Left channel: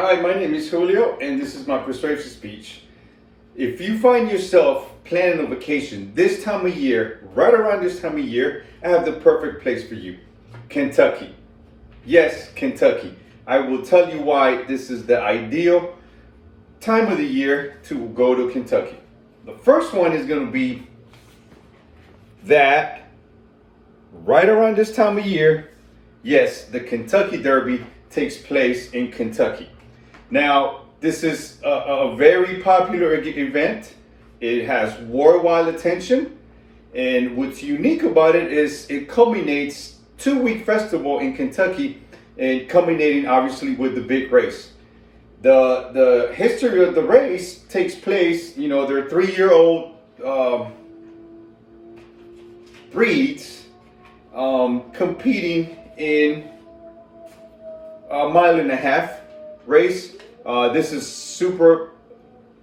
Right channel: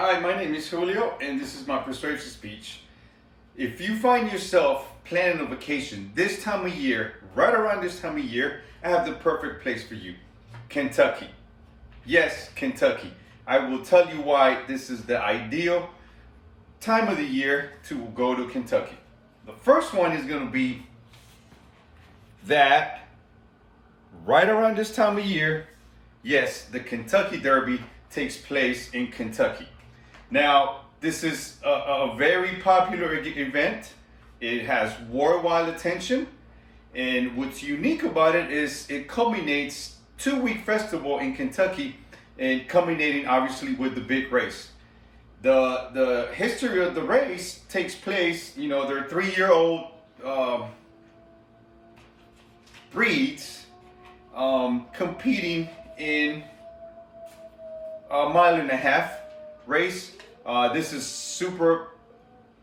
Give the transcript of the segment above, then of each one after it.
Hi, my name is Julio, and this is my persuasive speech. If you find yourself planning a vacation this time of year, right around this time of year, I have the perfect place for you. Kentucky. Yes, Kentucky. I will tell you why this is the ideal time of the year to go to Kentucky. The first one is going to be that right around this time of year, yes, the Kentucky Derby takes place in Kentucky. Now, this is a very popular event. It has worldwide attention. And what's unique about it is it culminates 2-week festival in Kentucky and culminating obviously with the big race. The history of the race takes place, they're 3-year-old breeds competing in a 1.5-mile race. This is super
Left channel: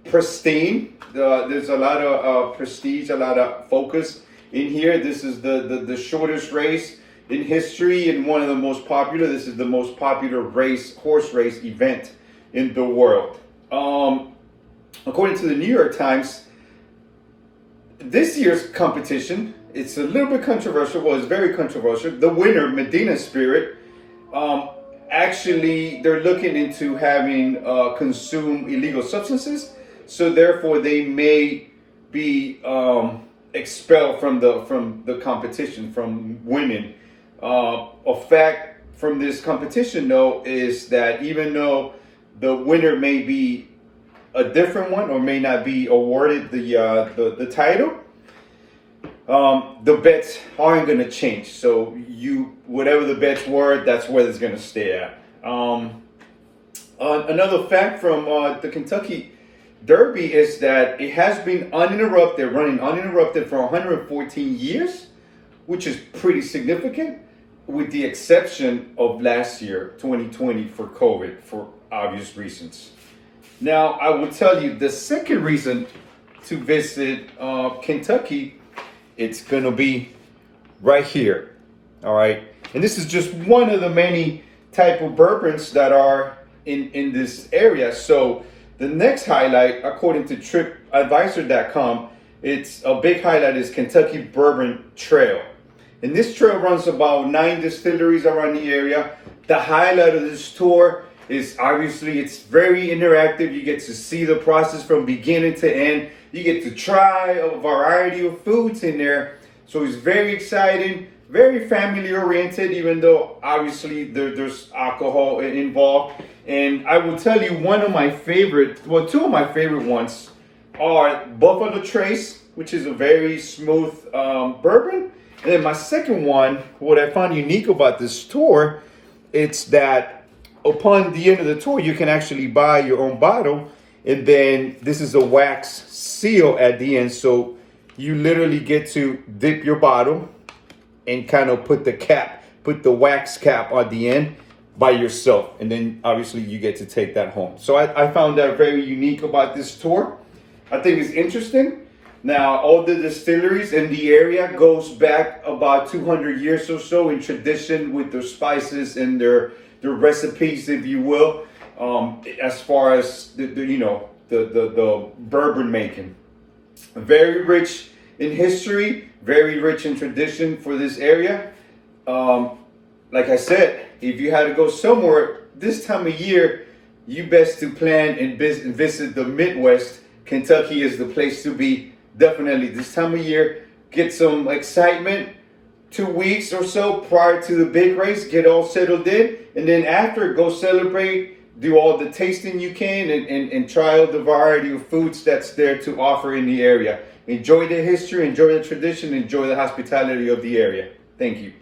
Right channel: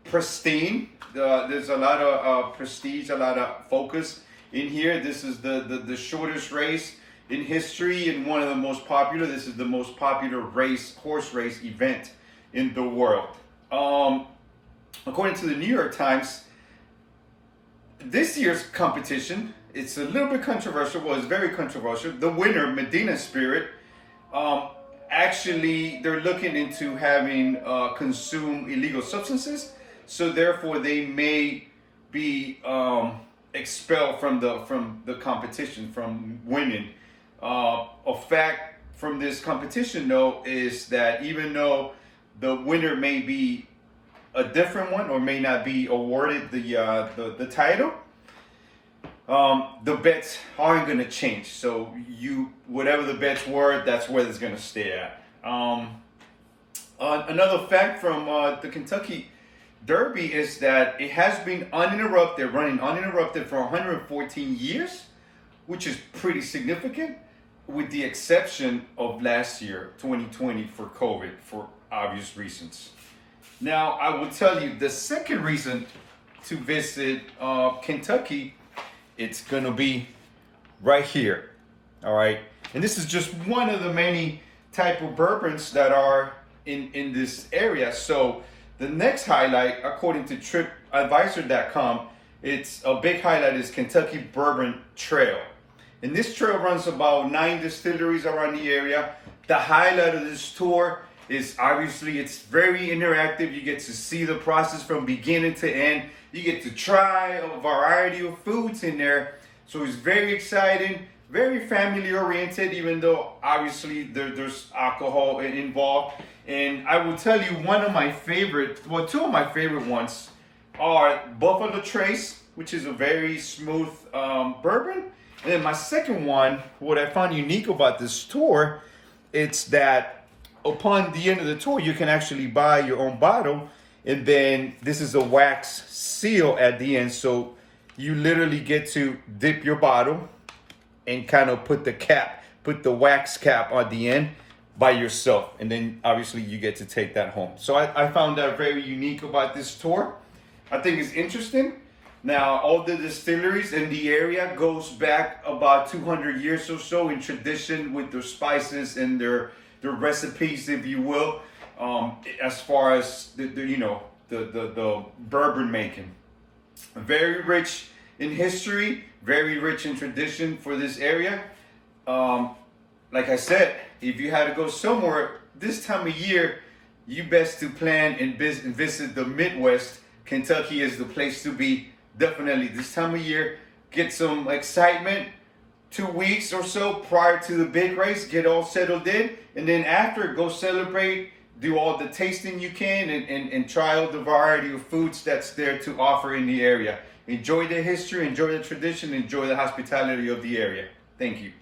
pristine. There's a lot of prestige, a lot of focus in here. This is the shortest race in history and one of the most popular. This is the most popular horse race event in the world. According to the New York Times, this year's competition, it's a little bit controversial. Well, it's very controversial. The winner, Medina Spirit, actually, they're looking into having consume illegal substances, so therefore they may be expelled from the competition, from winning. A fact from this competition, though, is that even though the winner may be a different one or may not be awarded the title, the bets aren't going to change. So whatever the bets were, that's where it's going to stay at. Another fact from the Kentucky Derby is that it has been running uninterrupted for 114 years, which is pretty significant, with the exception of last year, 2020, for COVID, for obvious reasons. Now, I will tell you the second reason to visit Kentucky. It's gonna be right here, all right? And this is just one of the many type of bourbons that are in this area. So the next highlight, according to TripAdvisor.com, it's a big highlight is Kentucky Bourbon Trail. And this trail runs about 9 distilleries around the area. The highlight of this tour is obviously it's very interactive. You get to see the process from beginning to end. You get to try a variety of foods in there. So it's very exciting, very family oriented, even though obviously there's alcohol involved. And I will tell you two of my favorite ones are Buffalo Trace, which is a very smooth bourbon. And then my second one, what I found unique about this tour, it's that upon the end of the tour, you can actually buy your own bottle. And then this is a wax seal at the end. So you literally get to dip your bottle and kind of put the wax cap on the end by yourself. And then obviously you get to take that home. So I found that very unique about this tour. I think it's interesting. Now, all the distilleries in the area goes back about 200 years or so in tradition with their spices and their recipes, if you will. As far as the bourbon making, very rich in history, very rich in tradition for this area. Like I said, if you had to go somewhere this time of year, you best to plan and visit the Midwest. Kentucky is the place to be. Definitely this time of year, get some excitement. 2 weeks or so prior to the big race, get all settled in, and then after, go celebrate, do all the tasting you can, and try out the variety of foods that's there to offer in the area. Enjoy the history, enjoy the tradition, enjoy the hospitality of the area. Thank you.